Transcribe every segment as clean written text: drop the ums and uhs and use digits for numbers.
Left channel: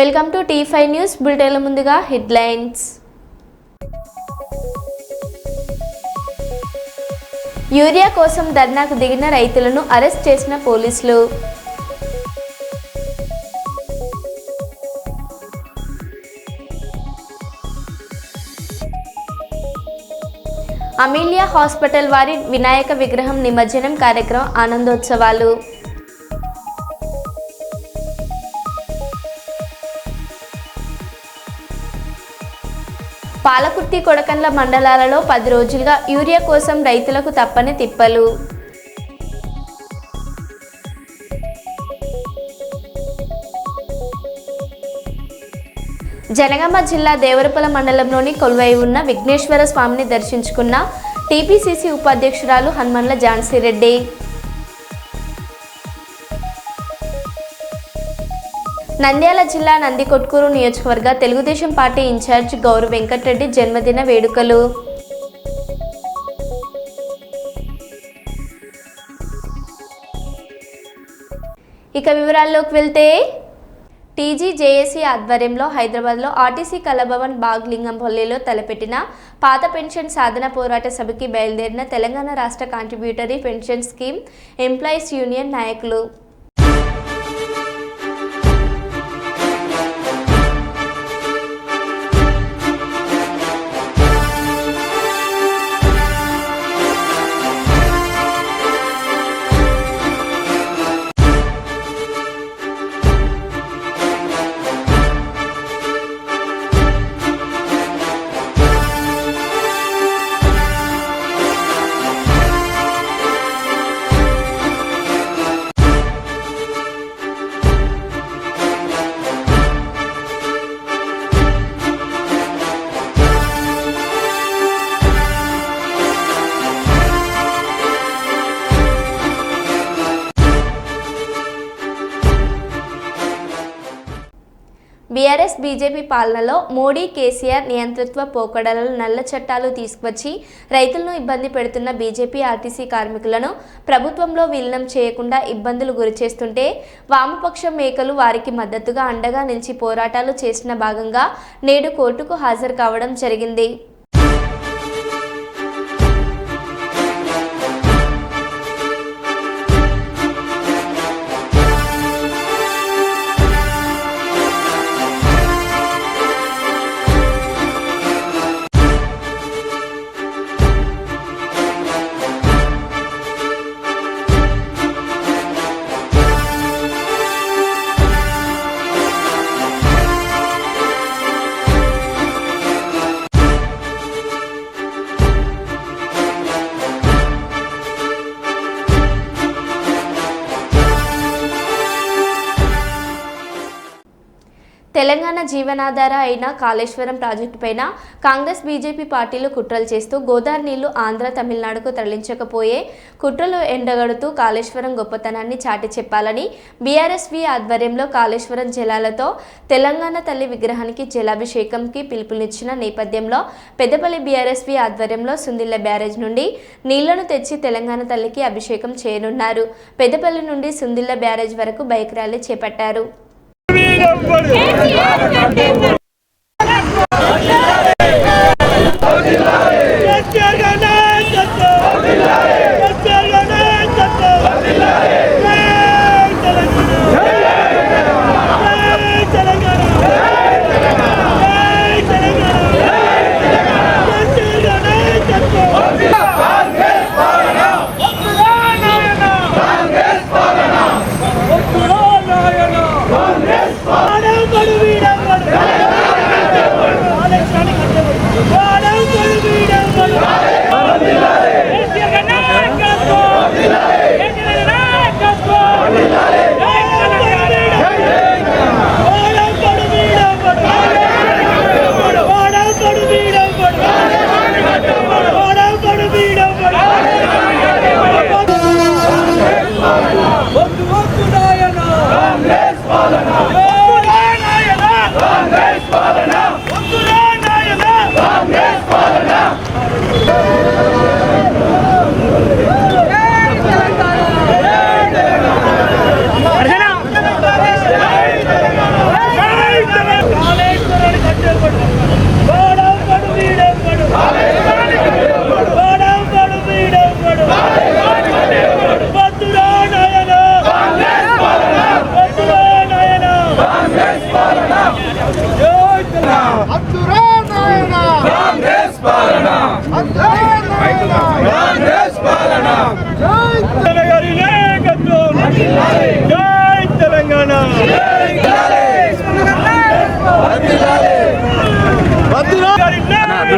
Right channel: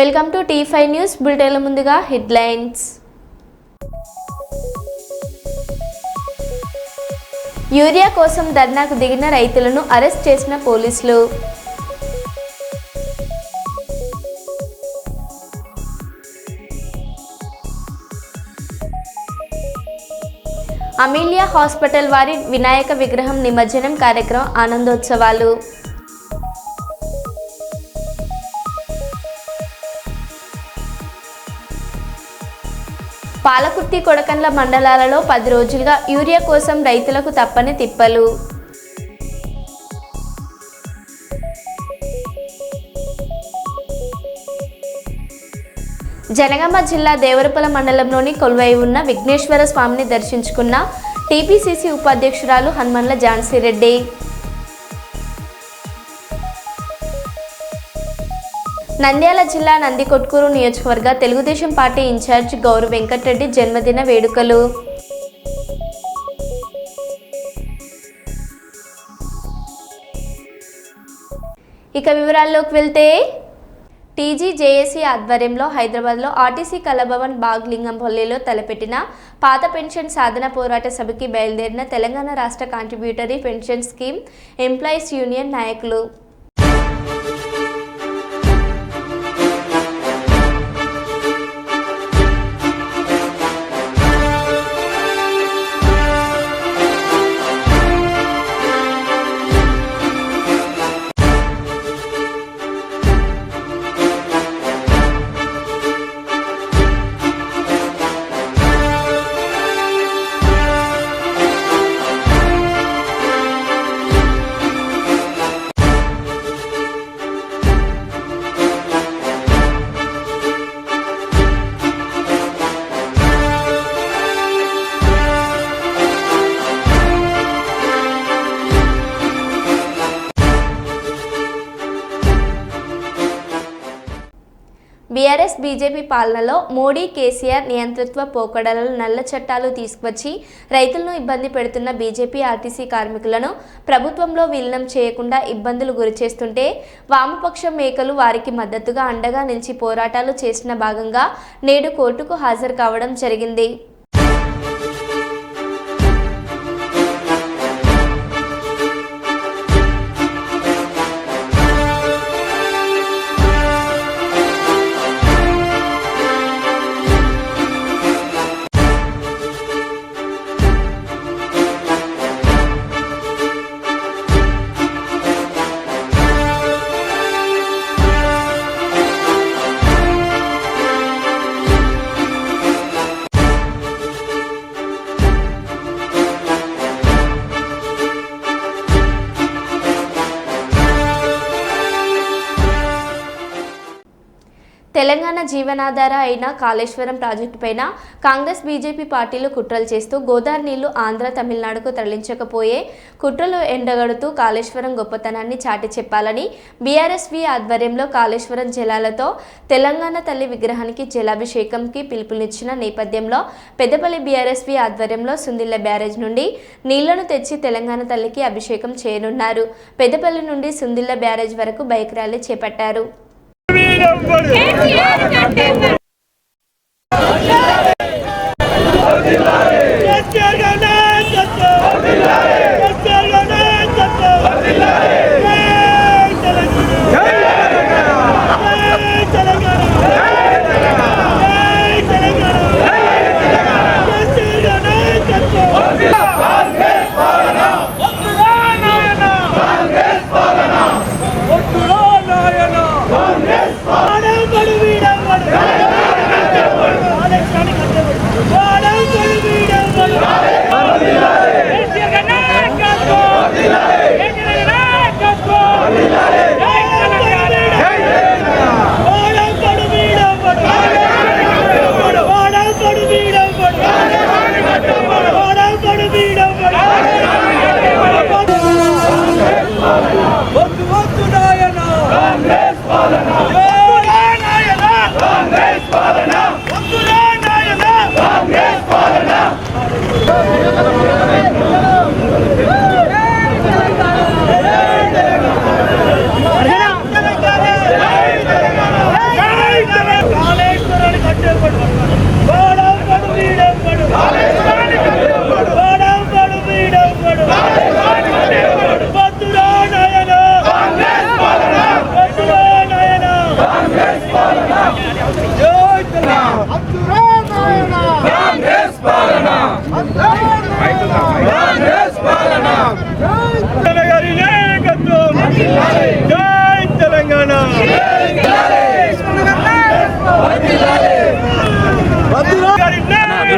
Welcome to T5 news బులెటిన్ల ముందుగా headlines. Urea కోసం ధర్నాకు దిగిన రైతులను అరెస్ట్ చేసిన పోలీసులు. అమీలియా హాస్పిటల్ వారి వినాయక విగ్రహం నిమజ్జనం కార్యక్రమం ఆనందోత్సవాలు. పాలకుర్తి కొడకండ్ల మండలాలలో 10 రోజులుగా యూరియా కోసం రైతులకు తప్పని తిప్పలు. జనగామ జిల్లా దేవరపల మండలంలోని కొలువై ఉన్న విఘ్నేశ్వర స్వామిని దర్శించుకున్న టీపీసీసీ ఉపాధ్యక్షురాలు హనుమన్ల ఝాన్సీ రెడ్డి. నంద్యాల జిల్లా నందికొట్కూరు నియోజకవర్గ తెలుగుదేశం పార్టీ ఇన్ఛార్జ్ గౌరు వెంకటరెడ్డి జన్మదిన వేడుకలు. ఇక వివరాల్లోకి వెళ్తే టీజీజేఏసీ ఆధ్వర్యంలో హైదరాబాద్లో ఆర్టీసీ కళాభవన్ బాగ్ లింగంపల్లిలో తలపెట్టిన పాత పెన్షన్ సాధన పోరాట సభకి బయలుదేరిన తెలంగాణ రాష్ట్ర contributory pension scheme employees union నాయకులు. బీఆర్ఎస్ బీజేపీ పాలనలో మోడీ కేసీఆర్ నియంతృత్వ పోకడలలో నల్ల చట్టాలు తీసుకువచ్చి రైతులను ఇబ్బంది పెడుతున్న బీజేపీ ఆర్టీసీ కార్మికులను ప్రభుత్వంలో విలీనం చేయకుండా ఇబ్బందులు గురిచేస్తుంటే వామపక్షం మేకలు వారికి మద్దతుగా అండగా నిలిచి పోరాటాలు చేసిన భాగంగా నేడు కోర్టుకు హాజరు కావడం జరిగింది. తెలంగాణ జీవనాధార అయిన కాళేశ్వరం ప్రాజెక్టు పైన కాంగ్రెస్ బీజేపీ పార్టీలు కుట్రలు చేస్తూ గోదావరి నీళ్లు ఆంధ్ర తమిళనాడుకు తరలించకపోయే కుట్రలు ఎండగడుతూ కాళేశ్వరం గొప్పతనాన్ని చాటి చెప్పాలని బీఆర్ఎస్వి ఆధ్వర్యంలో కాళేశ్వరం జలాలతో తెలంగాణ తల్లి విగ్రహానికి జలాభిషేకంకి పిలుపునిచ్చిన నేపథ్యంలో పెద్దపల్లి బీఆర్ఎస్వి ఆధ్వర్యంలో సుందిళ్ల బ్యారేజ్ నుండి నీళ్లను తెచ్చి తెలంగాణ తల్లికి అభిషేకం చేయనున్నారు. పెద్దపల్లి నుండి సుందిళ్ల బ్యారేజ్ వరకు బైక్ ర్యాలీ చేపట్టారు. Come on,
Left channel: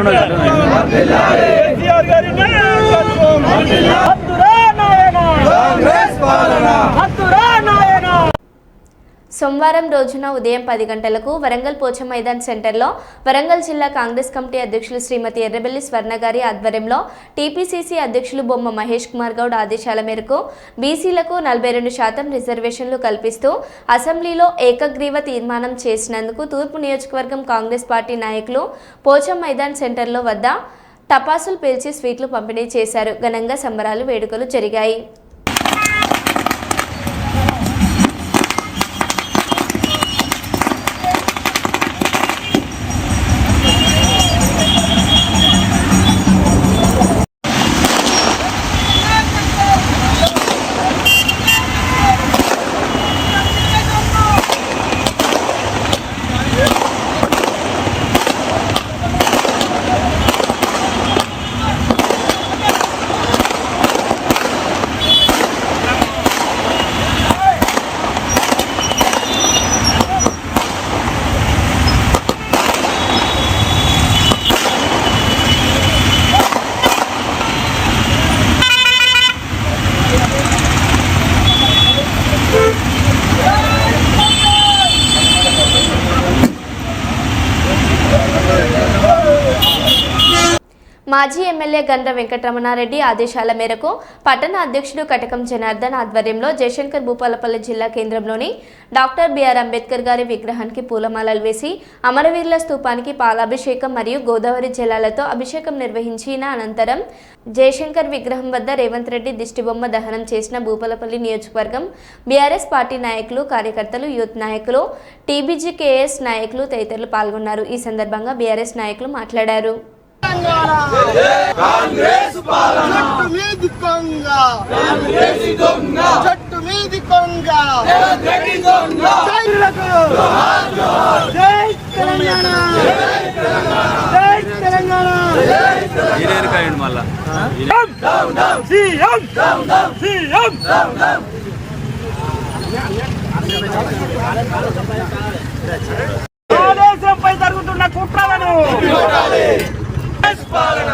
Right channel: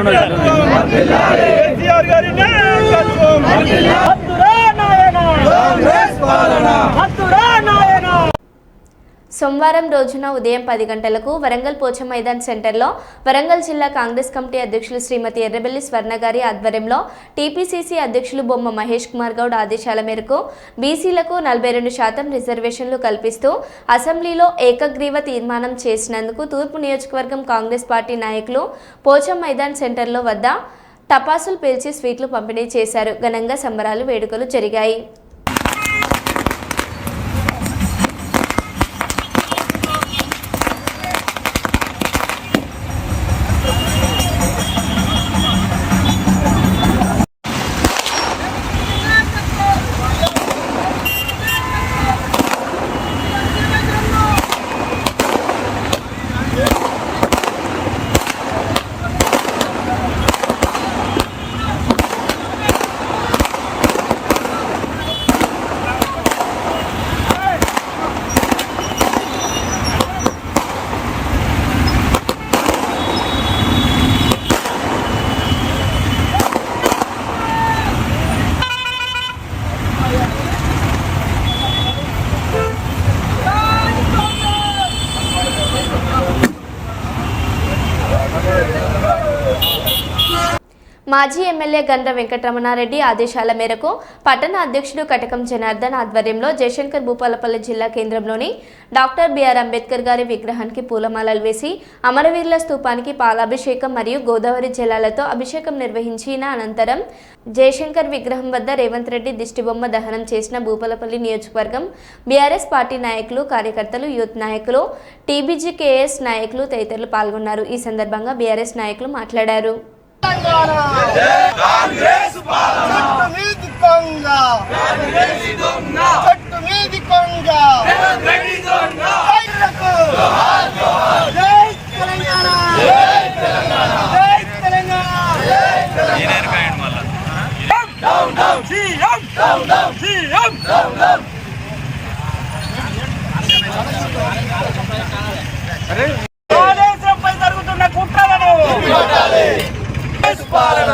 కేసీఆర్ గారి నాయకత్వం హద్దురా నాయన కాంగ్రెస్ పాలన హద్దురా నాయన. సోమవారం రోజున ఉదయం 10 గంటలకు వరంగల్ పోచం మైదాన్ సెంటర్లో వరంగల్ జిల్లా కాంగ్రెస్ కమిటీ అధ్యక్షులు శ్రీమతి ఎర్రబెల్లి స్వర్ణ గారి ఆధ్వర్యంలో టీపీసీసీ అధ్యక్షులు బొమ్మ మహేష్ కుమార్ గౌడ్ ఆదేశాల మేరకు బీసీలకు 42% రిజర్వేషన్లు కల్పిస్తూ అసెంబ్లీలో ఏకగ్రీవ తీర్మానం చేసినందుకు తూర్పు నియోజకవర్గం కాంగ్రెస్ పార్టీ నాయకులు పోచం మైదాన్ సెంటర్లో వద్ద టపాసులు పేల్చి స్వీట్లు పంపిణీ చేశారు. ఘనంగా సంబరాలు వేడుకలు జరిగాయి. మాజీ ఎమ్మెల్యే గండ్ర వెంకటరమణారెడ్డి ఆదేశాల మేరకు పట్టణ అధ్యక్షుడు కటకం జనార్దన్ ఆధ్వర్యంలో జయశంకర్ భూపాలపల్లి జిల్లా కేంద్రంలోని డాక్టర్ బిఆర్ అంబేద్కర్ గారి విగ్రహానికి పూలమాలలు వేసి అమరవీరుల స్తూపానికి పాలాభిషేకం మరియు గోదావరి జలాలతో అభిషేకం నిర్వహించిన అనంతరం జయశంకర్ విగ్రహం వద్ద రేవంత్ రెడ్డి దిష్టిబొమ్మ దహనం చేసిన భూపాలపల్లి నియోజకవర్గం బీఆర్ఎస్ పార్టీ నాయకులు, కార్యకర్తలు, యూత్ నాయకులు, టీబీజీకేఎస్ నాయకులు తదితరులు పాల్గొన్నారు. ఈ సందర్భంగా బీఆర్ఎస్ నాయకులు మాట్లాడారు. కాంగ్రెస్ పాలన చెట్టు మీది కొంగ కాంగ్రెస్ దొంగ చెట్టు మీది కొంగ రెడ్డి దొంగ జైలకు జోహార్ జోహార్ జై తెలంగాణ జై తెలంగాణ జై తెలంగాణ ఈరేర్ కైండ్ మల్ల down down CM down down CM down down కాంగ్రెస్పై జరుగుతున్న కుట్రలను కొట్టాలి. పాలన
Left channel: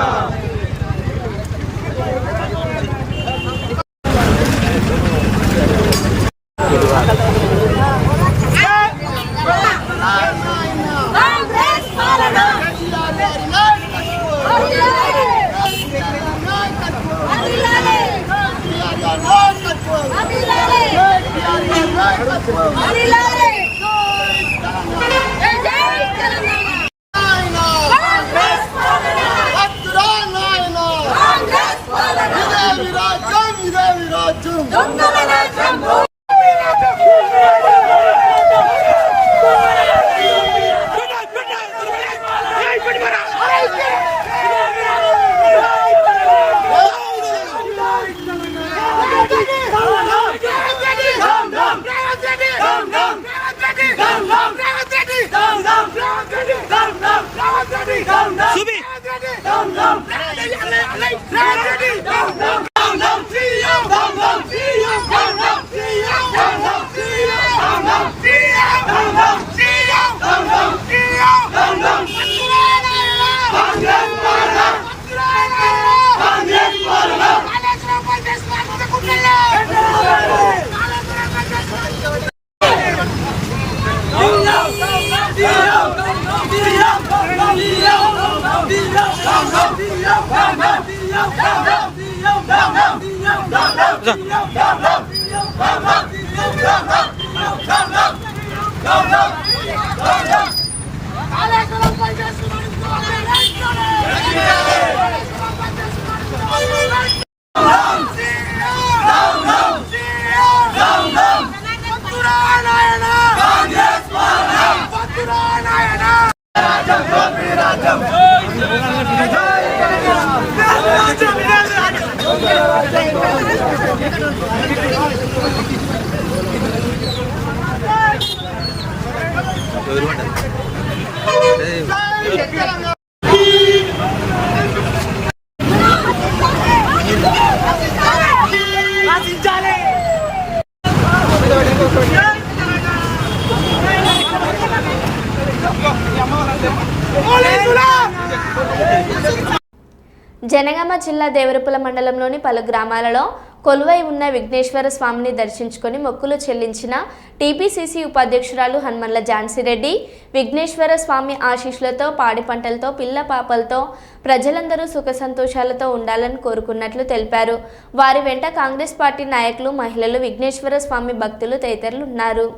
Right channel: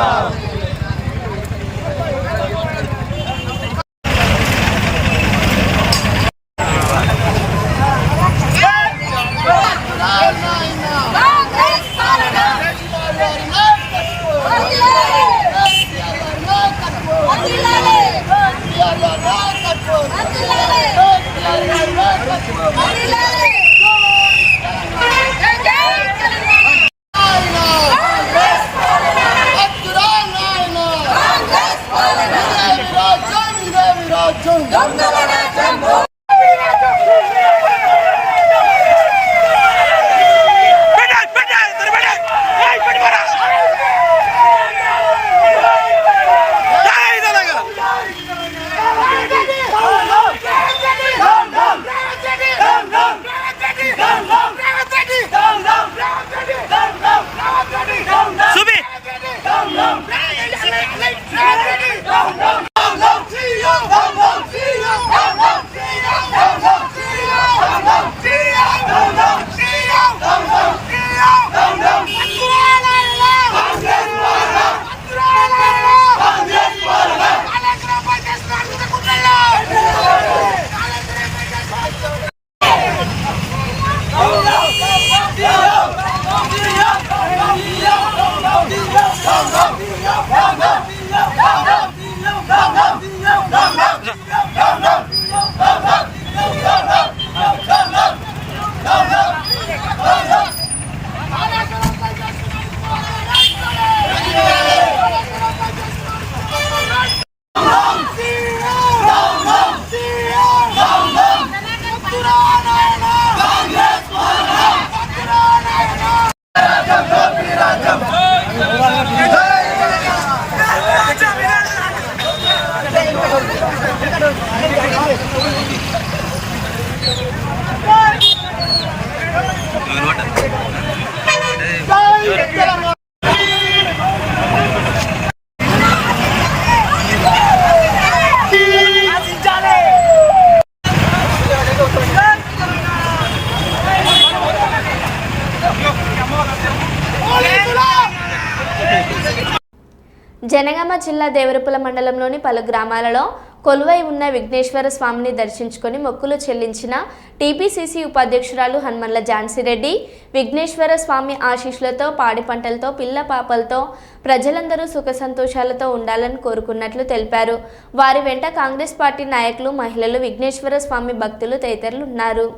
జనగామ జిల్లా దేవరపుల మండలంలోని పలు గ్రామాలలో కొలువై ఉన్న విఘ్నేశ్వర స్వామిని దర్శించుకొని మొక్కులు చెల్లించిన టీపీసీసీ ఉపాధ్యక్షురాలు హనుమన్ల ఝాన్సీరెడ్డి విఘ్నేశ్వర స్వామి ఆశీస్సులతో పాడి పంటలతో పిల్ల పాపలతో ప్రజలందరూ సుఖ సంతోషాలతో ఉండాలని కోరుకున్నట్లు తెలిపారు. వారి వెంట కాంగ్రెస్ పార్టీ నాయకులు, మహిళలు, విఘ్నేశ్వర స్వామి భక్తులు తదితరులు ఉన్నారు.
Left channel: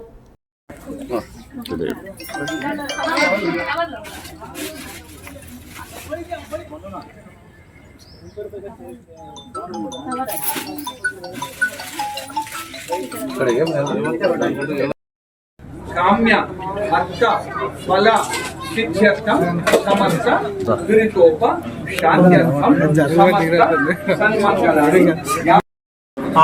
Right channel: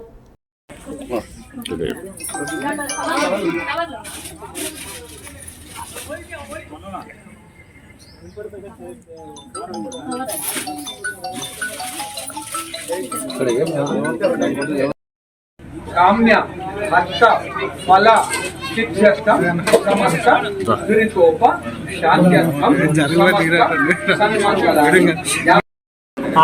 కామ్య హస్త ఫల శిక్షస్త సమస్త దురితోప శాంత్యర్థం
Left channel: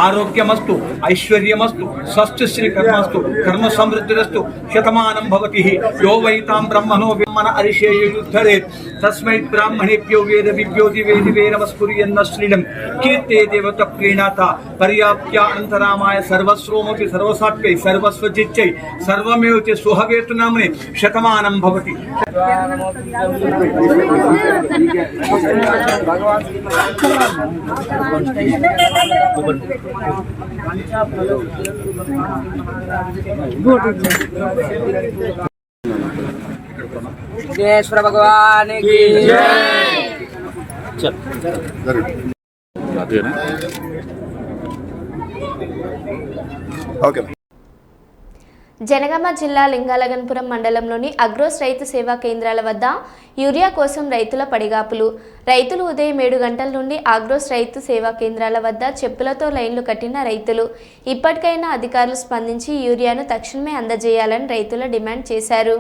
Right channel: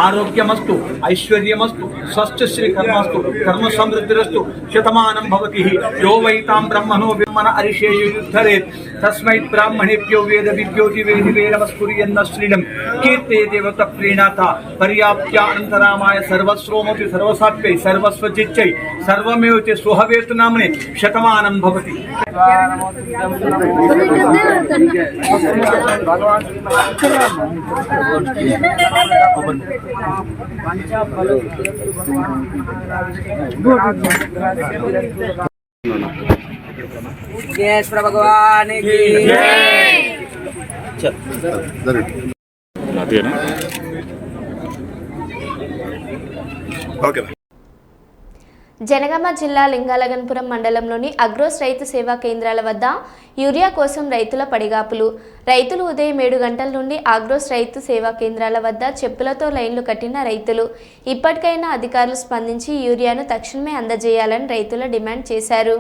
ఆరోగ్యమస్తు ఐశ్వర్యమస్తు స్వస్తి కర్మస్తు కర్మ సమృద్ధిరస్తు శతమానం భవతి యో వైతాం బ్రహ్మణో బ్రహ్మణ అరిషేయుద్ధరేత్ తస్మై బ్రాహ్మణేభ్యో వేద విభ్యోతి వేదివే నమస్కుర్యన్న శ్రీడం కీర్తే దేవత ప్రీణాత పర్యాప్త్య అంతరామాయ సర్వస్రోమతి సర్వసాప్యై సర్వస్వజిచ్చై సర్వమేవతి సుహవేతు నామ్ని శతమానం భవతి. विघ्नेश्वर भगवान की జనగామ జిల్లా లింగాలగన్పురం మండలంలోని అగ్రోస్ రైతు సేవా కేంద్రాల వద్ద యూరియా కోసం రైతుల పడిగాపులు. రైతులు ఉదయం 7 గంటల నుండి అగ్రోస్ రైతు సేవా కేంద్రాల వద్ద చెప్పులతో లైన్లు కట్టిన రైతులు ఇప్పటికైనా అధికారులు స్పందించి యూరియాను తక్షణమే అందజేయాలని రైతులు డిమాండ్ చేశారు.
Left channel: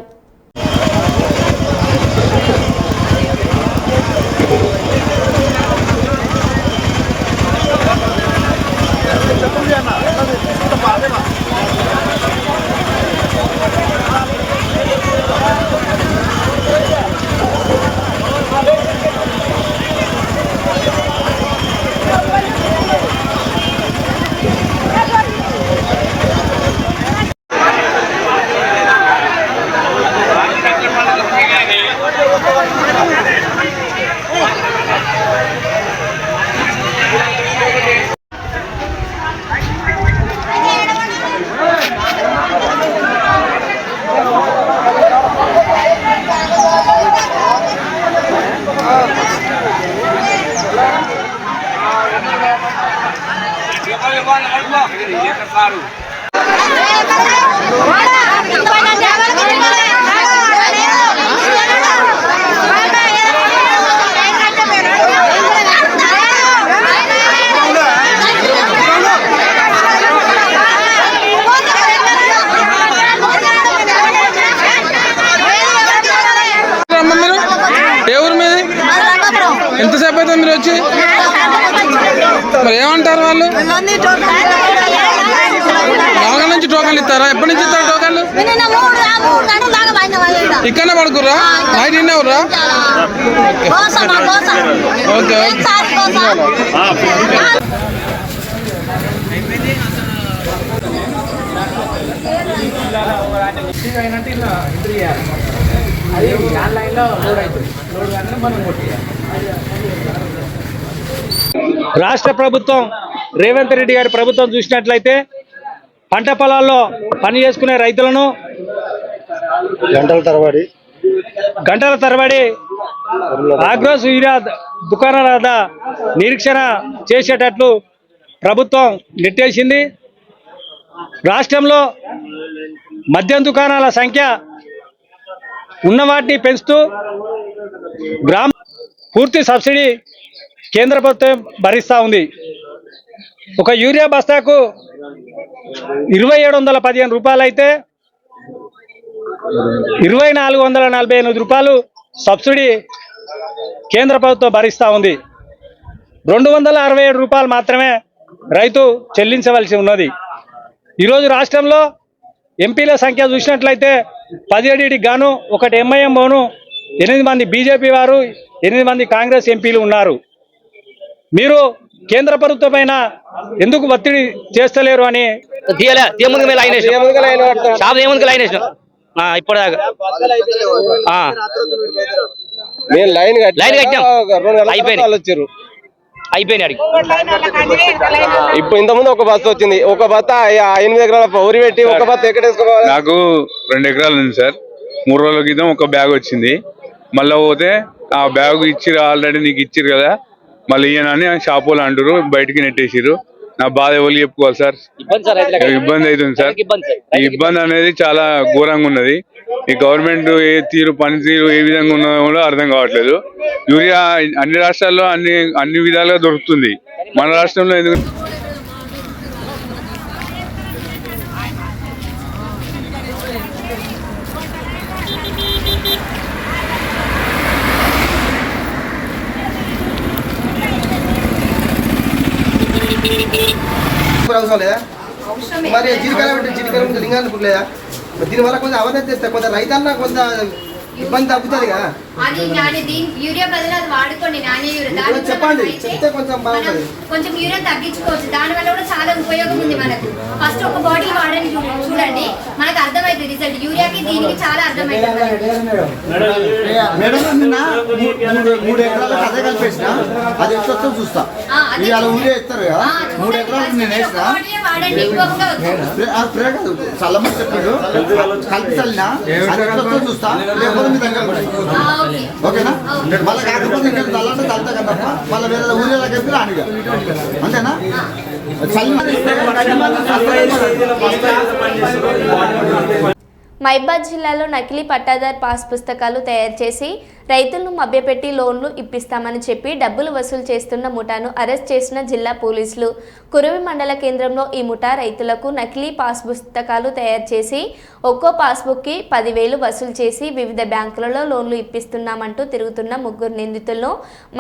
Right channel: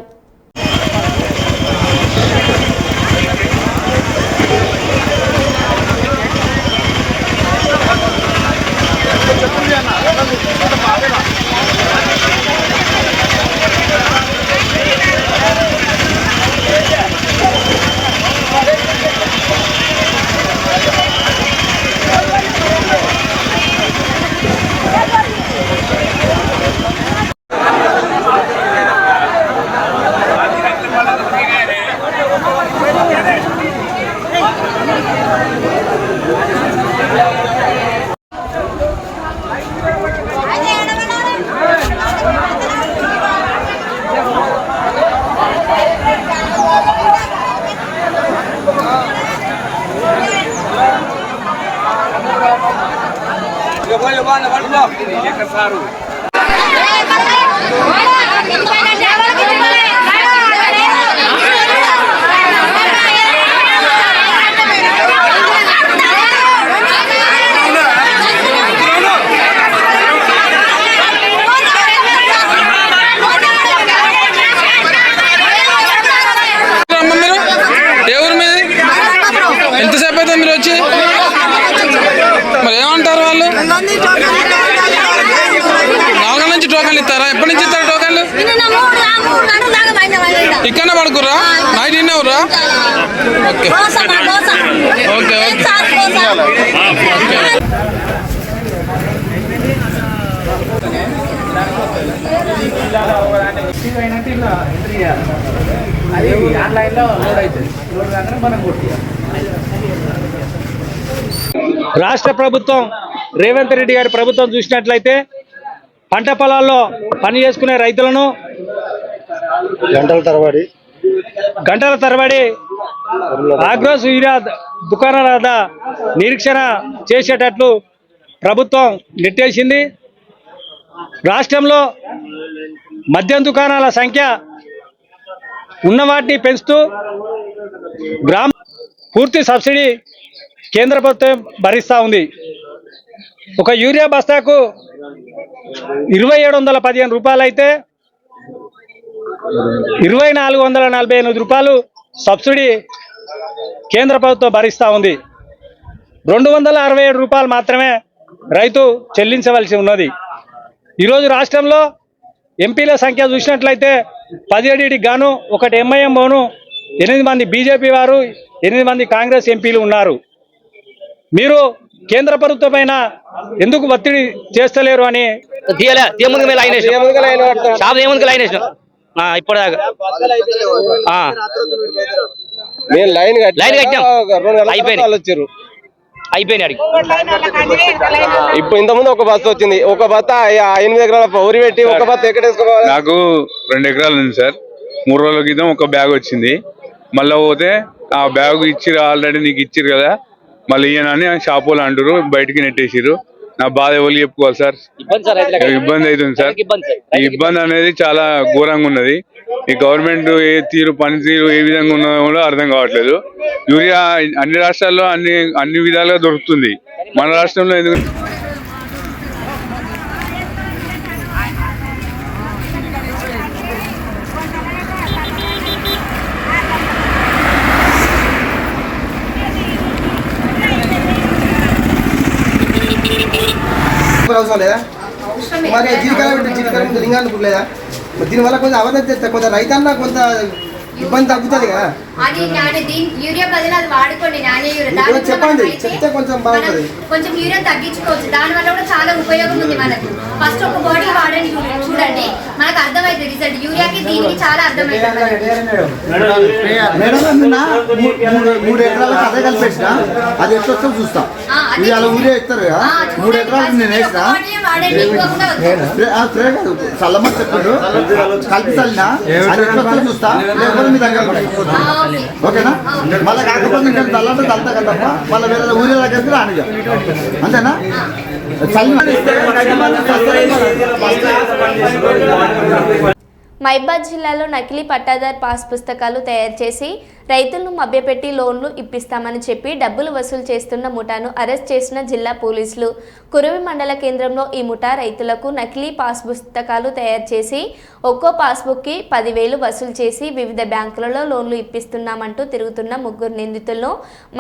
ఎంతసేపు అయితే మీరు వచ్చి మరి ఏమంటారు వాళ్ళు? నాలుగు నుంచి టోకన్లు ఇస్తారా? ఎప్పటి నుంచి ఇస్తారు టోకన్లు? ఇక్కడనే పడుకుర్రా? నైట్ ఇన్నే ఉర్రా? ఓకే ఓకే రాష్ట్ర ప్రభుత్వం రేవంత్ రెడ్డి గారి ప్రభుత్వం చూసినట్లయితే పంట పొలాల్లో పని చేసుకునే రైతులను గంటల తరబడి ఆగ్రోస్ యూరియా దుకాణాల వద్ద నిరీక్షణ చేసేటట్లు ప్రభుత్వం నెట్టేసింది. రాష్ట్రంలో మద్యం దుకాణాల సంఖ్య ఉన్న వాటిని పెంచుతూ పూర్తి సబ్సిడీ కేంద్ర ప్రభుత్వం భరిస్తూ ఉంది. ఒక యూరియా బస్తాకు 2715 రూపాయలు అయితే 2448 రూపాయలు సబ్సిడీ కేంద్ర ప్రభుత్వం భరిస్తూ ఉంది. 267 రూపాయలు మాత్రమే రైతు చెల్లించవలసి ఉన్నది. ఈరోజు రాష్ట్రంలో ఎంపీల సంఖ్య చూసినట్లయితే 17కి గాను 1 ఎంఐఎంఓను 8 మంది బీజేపీ వారు 8 మంది కాంగ్రెస్ ఎంపీలు ఉన్నారు. మీరు కేంద్ర ప్రభుత్వం పైన ఎందుకు ఒత్తిడి చేస్తలేరు అని మేము లైన్ లైన్ కట్టాం. 2 గంటల అయిపోయింది. వాళ్ళు వచ్చారు. అయిపోయినాడు. ఇప్పుడు ఇంతకుముందు ఒక బస్సు వచ్చింది. ఒక బత్త 8 ఎకరాల ఊరి పెట్టి ఒక బత్త ఎక్కడేసుకోవాలి. నాకు 2 ఎకరాలు ఉంది సార్. 3 రోజుల క్రితం ఒక బ్యాగ్ వచ్చింది. మళ్ళీ పోతే ఆ బ్యాగ్ ఇచ్చిరు, ఆల్రెడీ నీకు ఇచ్చిరు కదా, మళ్ళీ ఇయ్యనని షాప్ వాళ్ళు అంటారు, బయటికి నెట్టేసిరు. నా బాధ ఎవరు చెప్పుకోవాలి సార్? ఇబ్బంది అవుతుంది సార్. ఈ ఇబ్బంది అనేది చాలా ఘోరంగా ఉన్నది. ఈ గవర్నమెంట్ ఏ తీరు, పనితీరు ఏ విధంగా ఉన్నదో కూడా అర్థం కావట్లేదు. యూరియా అన్ని రాష్ట్రాల్లో అన్ని విధాలుగా దొరుకుతుంది, మన రాష్ట్రంలో ఎందుకు? అవసరం లేదా? మరి జీవికాలం లింగానికి లేదా? దీనివల్ల కొంచెం అవేర్నెస్ తెస్తే కొంత రైతన్న కొంత ఇబ్బంది తగ్గుతుంది కదా. అది యూరియా బదులు అది వాడుకోండి, నాని యూరియా. చెప్పండి, చెప్తే కొంచెం బాగుంటుంది. కొంచెం యూరియా తగ్గించుకోవచ్చు, దాని వల్ల కూడా చాలా ఉపయోగం ఉంది మనకు. ఫస్ట్ ఒక బాటిల్ వాడండి, చూడండి, మనకు అర్థమవుతుంది రిజల్ట్. యూరియాకి దీనికి చాలా అర్థమవుతుంది. 3 ఎకరాలకు అదే కలిపేసిన అది ఎట్లా చూస్తా. యూరియా ఇస్తారు కదా, 3 ఎకరాలు నేను వేసిన వాడండి, ఎక్కువ కూడా చల్లమని చెప్పాడు, కలిపి చల్లినా అది ఎట్లా చూస్తా. మీ దగ్గర ఓకేనా? మళ్ళీ కాకపోతే ఇంకా చల్లంటే చల్తా కదా, మళ్ళీ వేరే ఊరి దగ్గరికి రానిగా, అంతేనా? మైబాద్ జిల్లాలో నకిలీ పట్టాదార్ పాస్ పుస్తకాలు తయారు చేసి రైతులను మభ్యపెట్టి లోన్లు ఇప్పిస్తామని చెప్పి డబ్బులు వసూలు చేస్తున్న ముఠాను అరెస్ట్ చేసిన జిల్లా పోలీసులు. కురువి మండల కేంద్రంలో ఈ ముఠా రైతులకు నకిలీ పాస్ పుస్తకాలు తయారు చేసి ఒక్కో పాస్బుక్కి 10,000 వసూలు చేసి వివిధ బ్యాంకులలో లోన్లు ఇప్పిస్తున్నామంటూ తిరుగుతున్న 3 నిందితులను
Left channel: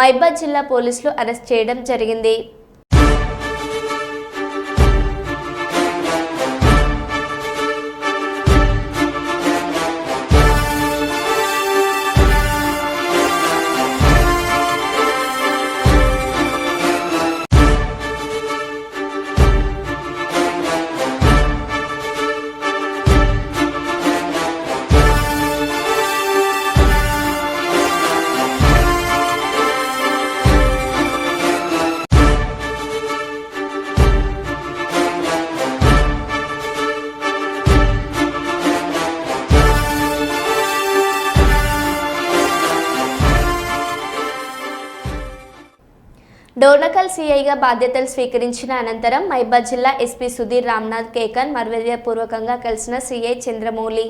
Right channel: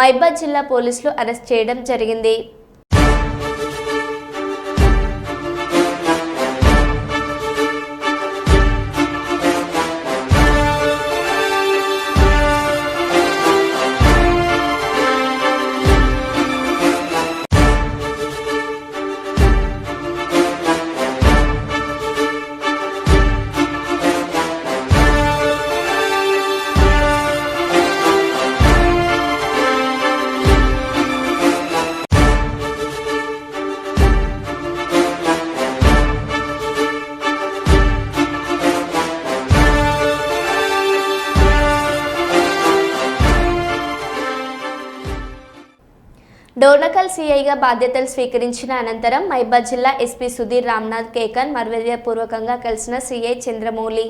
మైబాద్ జిల్లా పోలీసులు అరెస్ట్ చేయడం జరిగింది. డోర్నకల్ సీఐగా బాధ్యతలు స్వీకరించిన అనంతరం మైబాద్ జిల్లా ఎస్పీ సుధీర్ రామ్నాథ్ కేకన్ మర్యాదపూర్వకంగా కలిసిన సీఐ చంద్రమౌళి.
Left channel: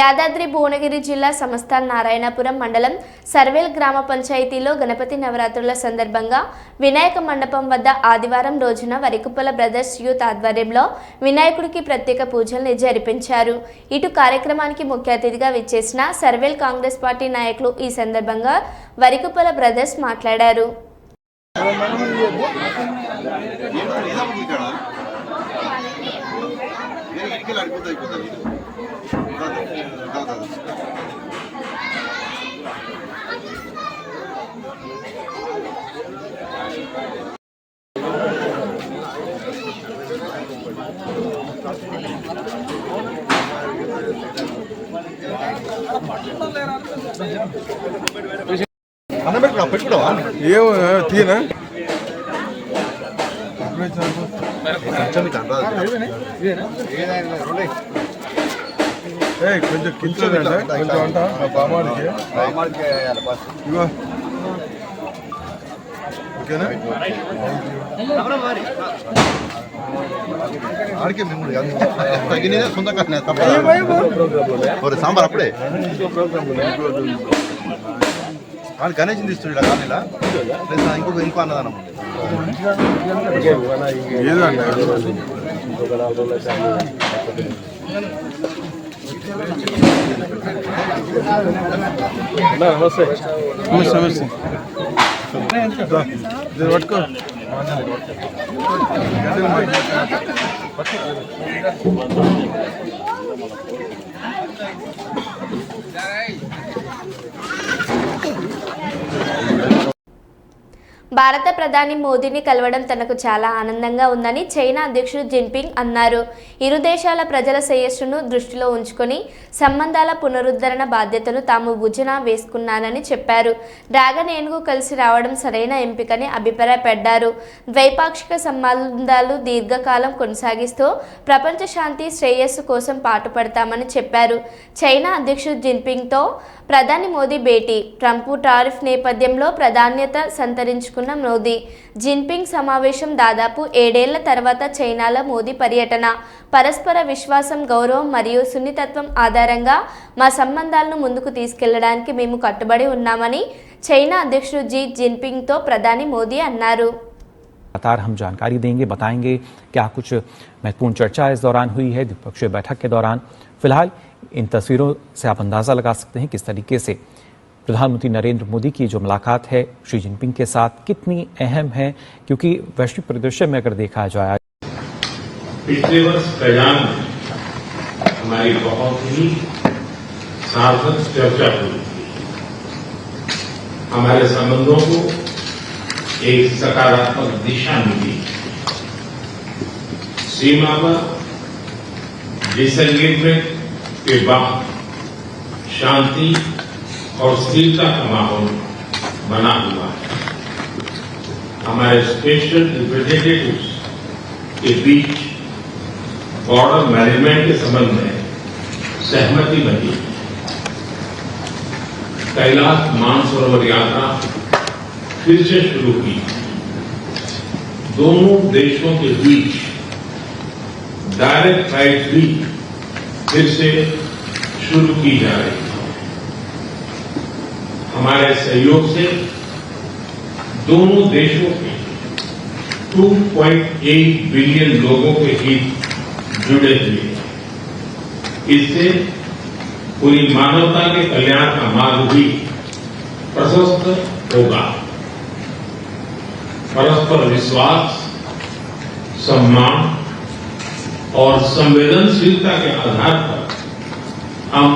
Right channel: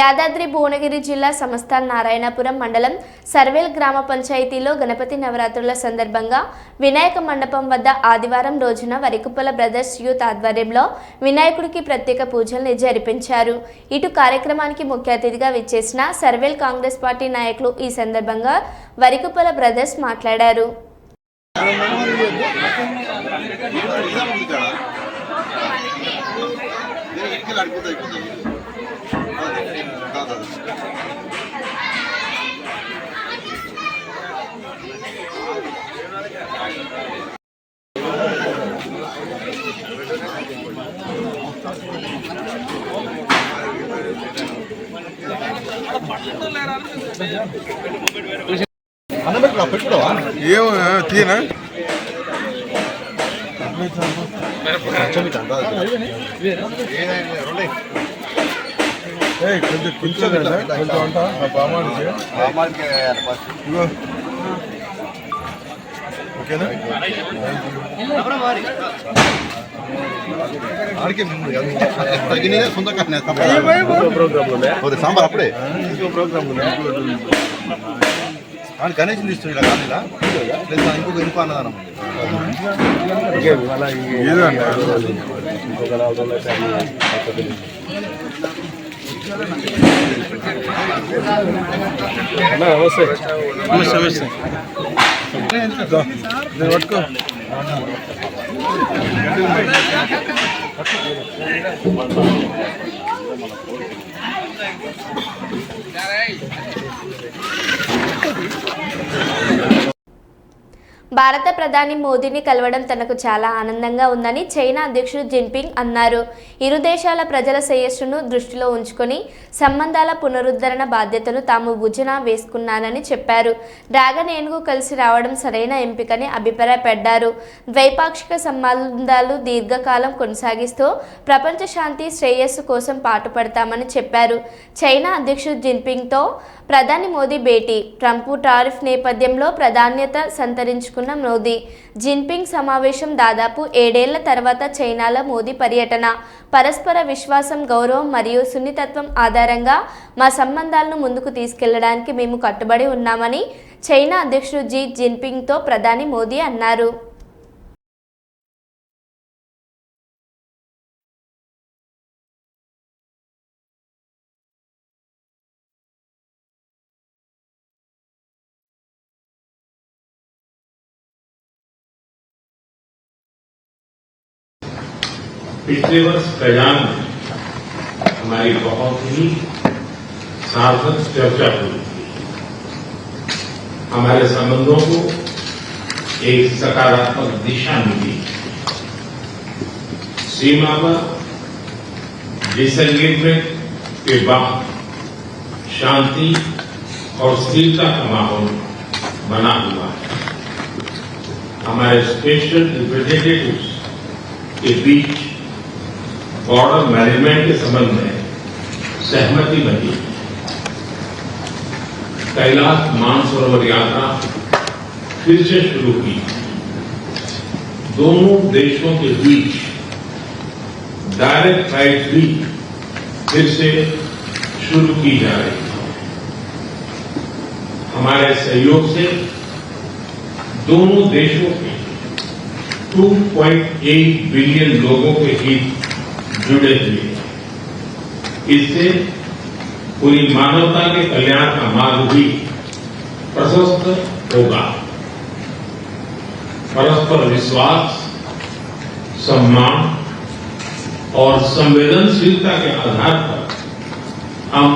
యాదాద్రి భువనగిరి జిల్లా సంస్థాన్ నారాయణపురం మండలం సర్వేల్ గ్రామ పంచాయతీలో గణపతి నవరాత్రుల సందర్భంగా వినాయక మండపం వద్ద ఆదివారం రోజున వరికుప్పల బ్రదర్స్ యూత్ ఆధ్వర్యంలో వినాయకుడికి ప్రత్యేక పూజలు జరిపించారు. ఇటు కార్యక్రమానికి ముఖ్య అతిథిగా విచ్చేసిన సర్వేల్ కాంగ్రెస్ పార్టీ నాయకులు ఈ సందర్భంగా వరికుప్పల బ్రదర్స్ మాట్లాడారు. పెట్టుకోవా ఏం తీయనా కొంచెం కూర్చోదా కొంచెం అంట బామాడికి ఇగో ఓకేనా ఆడికే తగిన సొంత సాంబార్ అప్పుడే గణేష్ ఇస్తుంది ఇలా కానీ ఇలా ఇంకో అన్నదానం పట్టుకో భారత ప్రధాని మోదీని కలవడం తనకు చాలా ఆనందంగా ఉందని చైనా అధ్యక్షుడు జిన్పింగ్ అన్నారు. ఇరు దేశాల ప్రజల శ్రేయస్సును దృష్టిలో ఉంచుకొని సంబంధాల పునరుద్ధరణ బాధ్యతను తాము భుజన వేసుకున్నానని చెప్పారు. డ్రాగన్ ఏనుగు కలిసి రావడం సరైన ఎంపికని అభిప్రాయపడ్డారు. ద్వైపాక్షిక సంబంధాలు దీర్ఘకాలం కొనసాగిస్తూ ప్రపంచ శాంతి శ్రేయస్సు కోసం పాటుపడతామని చెప్పారు. చైనా అధ్యక్షుడు జిన్పింగ్తో ప్రధాని మోదీ భేటీ. ట్రంప్ టారిఫ్ నేపథ్యంలో ప్రాధాన్యత సంతరించుకున్న మోదీ జిన్పింగ్ సమావేశం దాదాపు 7 ఏళ్ల తర్వాత చైనాలో మోదీ పర్యటన. పరస్పర విశ్వాసం, గౌరవం మరియు సున్నితత్వం ఆధారంగా మా సంబంధాలను ముందుకు తీసుకెళ్లడానికి మేము కట్టుబడి ఉన్నామని చైనా అధ్యక్షుడు జీ జిన్పింగ్తో ప్రధాని మోదీ అన్నారు. लगातार हम जानकारी देंगे, बताएंगे क्या कुछ महत्वपूर्ण चर्चा इस दौरान हुई है द्विपक्षीय बैठक के दौरान. फिलहाल इन तस्वीरों से आप अंदाजा लगा सकते हैं किस तरीके से प्रधानमंत्री नरेंद्र मोदी की जो मुलाकात है शी जिनपिंग के साथ कितनी अहम है, क्योंकि वैश्विक परिदृश्य में अगर देखा जाए पिछले वर्ष कयान में हमारी बहुत ही सार्थक चर्चा हुई थी. हमारे संबंधों को एक सकारात्मक दिशा मिली. सीमा पर डिसएंगेजमेंट के बाद शांति और स्थिरता का माहौल बना हुआ है. हमारे स्पेशल रिप्रेजेंटेटिव्स के बीच बॉर्डर मैनेजमेंट के संबंध में सहमति बनी. कैलाश मानसरोवर यात्रा फिर से शुरू की. दोनों देशों के बीच डायरेक्ट फ्लाइट भी फिर से शुरू की जा रही है. हमारे सहयोग से दोनों देशों के 2.8 बिलियन लोगों के हित जुड़े हुए हैं. इससे पूरी मानवता के कल्याण का मार्ग भी प्रशस्त होगा. परस्पर विश्वास, सम्मान और संवेदनशीलता के आधार पर हम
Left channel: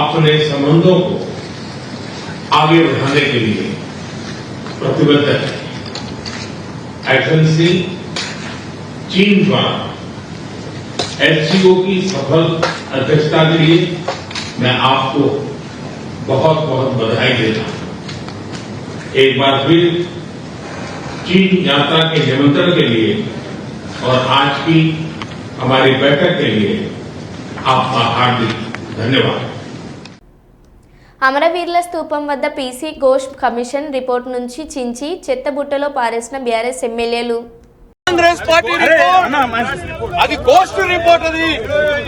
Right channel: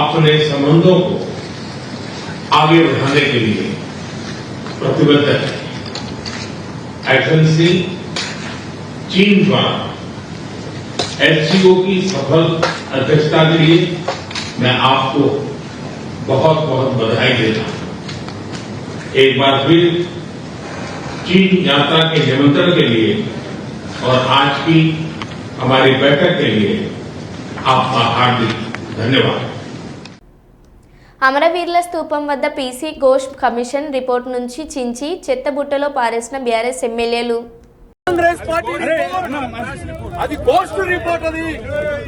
अपने संबंधों को आगे बढ़ाने के लिए प्रतिबद्ध है. एक्सेलेंसी, चीन द्वारा एचसीओ की सफल अध्यक्षता के लिए मैं आपको बहुत बहुत बधाई देता हूं. एक बार फिर चीन यात्रा के निमंत्रण के लिए और आज की हमारी बैठक के लिए आपका हार्दिक धन्यवाद. అమరవీరుల స్తూపం వద్ద పీసీ ఘోష్ కమిషన్ రిపోర్ట్ నుంచి చించి చెత్తబుట్టలో పారేసిన బీఆర్ఎస్ ఎమ్మెల్యేలు. కాంగ్రెస్ పార్టీ రిపోర్ట్ అది గోస్ట్ రిపోర్ట్,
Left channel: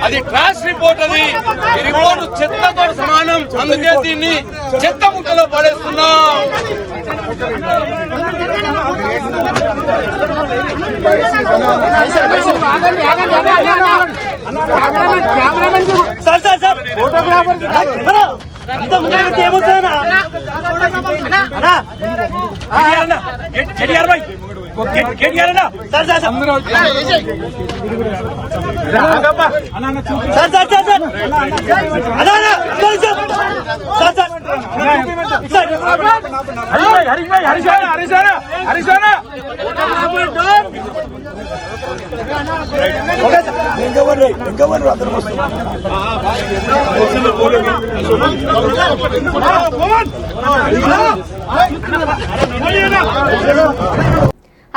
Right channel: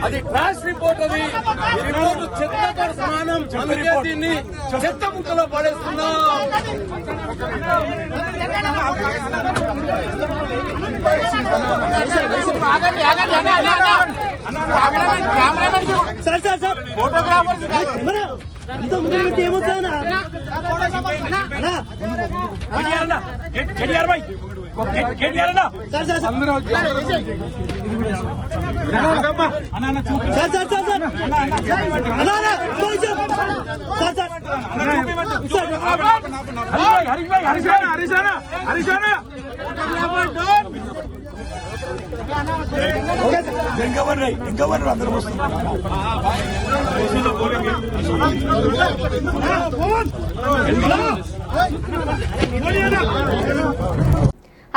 అది ట్రాష్ రిపోర్ట్. అది ఈ రిపోర్ట్ చెత్తతో సమానం. అందుకే దీన్ని చెత్త బుట్టలో పడేస్తున్నాం.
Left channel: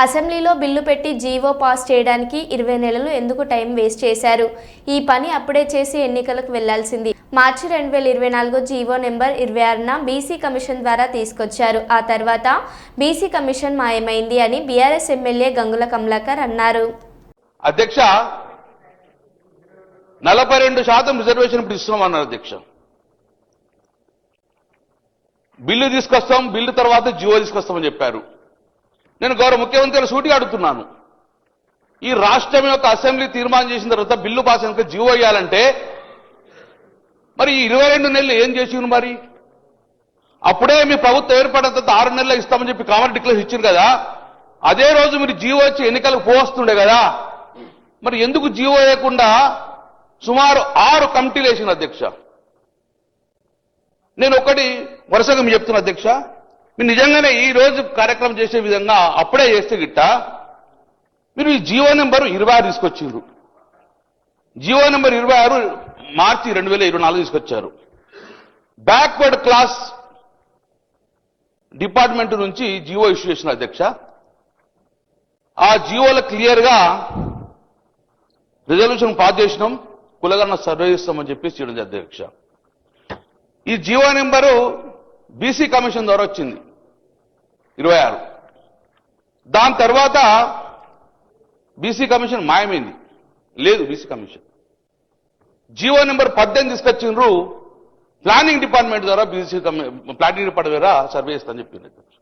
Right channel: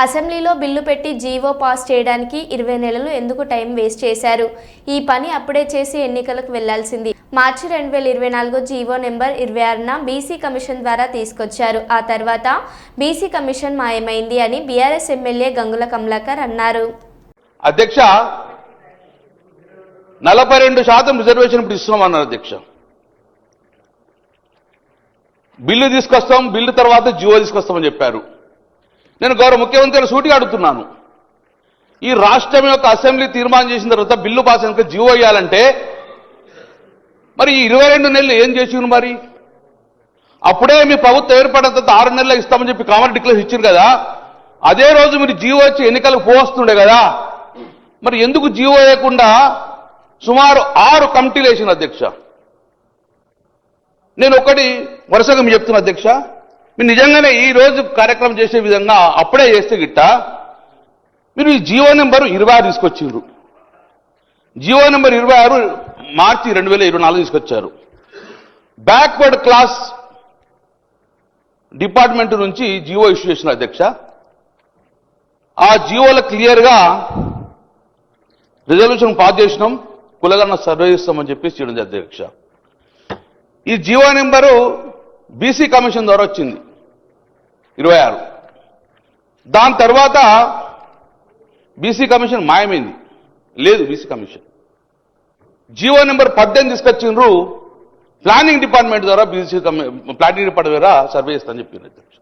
అసెంబ్లీలో బిల్లు పెట్టి జీవో పాస్ చేయడానికి 20 నెలలు ఎందుకు టైం వేస్ట్ చేశారు? ఈ పని అప్పుడే చేసి ఎన్నికలకు వెళ్లాల్సింది. మార్చి 2024 జీవో నెంబర్ 26న బీసీ కమిషన్ ద్వారా తీసుకొచ్చారు. ఆ తర్వాత బీసీ కమిషన్ మాయమైంది అని బీఆర్ఎస్ ఎమ్మెల్యే గంగుల కమలాకర్ అన్నారు. అధ్యక్ష 42% రిజర్వేషన్ ఇస్తున్నామన్నారు అధ్యక్ష. బిల్లు తీసుకొస్తాం, బిల్లు తర్వాత జీవో తీసుకొస్తామని చెప్పారు. నేను గౌరవ ముఖ్యమంత్రి సూటిగా అడుగుతున్నాను, ఈ రాష్ట్రం యొక్క అసెంబ్లీ తీర్మానం చేసిన తర్వాత బిల్లు పాస్ అయినాక జీవో ఇవ్వాలంటే మరి ఈ 22 నెలలు ఏం చేసిండ్రు? మరి అప్పుడే మీ ప్రభుత్వం ఏర్పడిన తర్వాత 6 నెలలు ఇస్తామని చెప్పి కామన్ డిక్లేర్ ఇచ్చారు కదా, అదే రోజు మీరు జీవో వచ్చి ఎన్నికలు పోవస్తుండే కదా, మరి ఎందుకు జీవో వేయకుండా సుమారు 6 కమిటీలు వేసిన అధ్యక్ష? నేను ఒకటి వరుసగా మీకు చెప్తున్నా అధ్యక్ష, మీరు నిజంగానే ఈ రోజు కార్యక్రమం చేసే విధంగా అప్పుడే చేస్తే గిట్ట మీరు ఈ జీవో నెంబర్ 26 తీసుకొచ్చిండ్రు. జీవో నెంబర్ 26 మార్చి 2024 తీసుకొచ్చారు. బ్యాక్వర్డ్ క్లాస్ డిపార్ట్మెంట్ నుంచి జీవో ఇష్యూ చేసిన అధ్యక్ష. ఆ జీవోలో క్లియర్ గా రిజర్వేషన్ పాస్ చేసినాం, కులగన్న సర్వే చేస్తామని చెప్పి చేయడం అధ్యక్ష. ఈ జీవో నెంబరు బీసీ కమిషన్ ద్వారా వచ్చింది 26. దాని తర్వాత బీసీ కమిషన్ మాయమైంది, లేదు బీసీ కమిషన్. జీవో నెంబర్ 18 తీసుకొచ్చిండ్రు, ప్లానింగ్ డిపార్ట్మెంట్ ద్వారా బీసీ ప్లానింగ్ డిపార్ట్మెంట్ ద్వారా సర్వే చేస్తామని చెప్పింది అధ్యక్ష.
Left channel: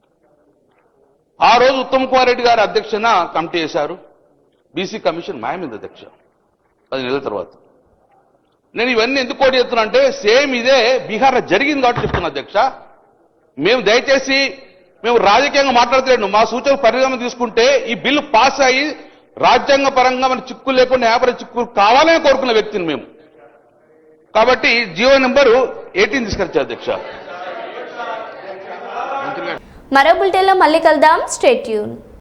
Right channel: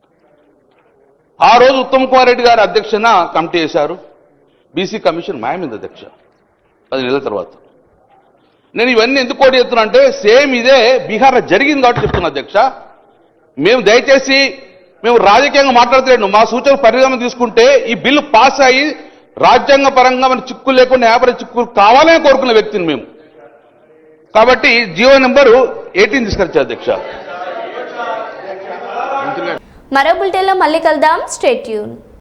ఆ రోజు ఉత్తమ్ కుమార్ రెడ్డి గారు అధ్యక్షన కమిటీ చేశారు, బీసీ కమిషన్ మాయమైంది అధ్యక్ష. అది లేదా తర్వాత నేను ఇవన్నీ ఎందుకు కోటి చెప్తున్నా అంటే సేమ్ ఇదే బీహార్ జరిగింది కాబట్టి చెప్తున్నా అధ్యక్ష. మేము దయచేసి మేము రాజకీయంగా మాట్లాడుతున్నాం, మా సూచన పరిగణన తీసుకుంటే ఈ బిల్లు పాస్ అయ్యి రాజ్యాంగ పరంగా మన చిక్కులు లేకుండా 50 చిక్కులు కావాలని కోరుకున్న వ్యక్తిని మేము. కాబట్టి జీవో నెంబర్ 18 తీసుకొచ్చారు అధ్యక్ష. మరో బులెటిన్లో మళ్ళీ కలుద్దాం. Stay tune.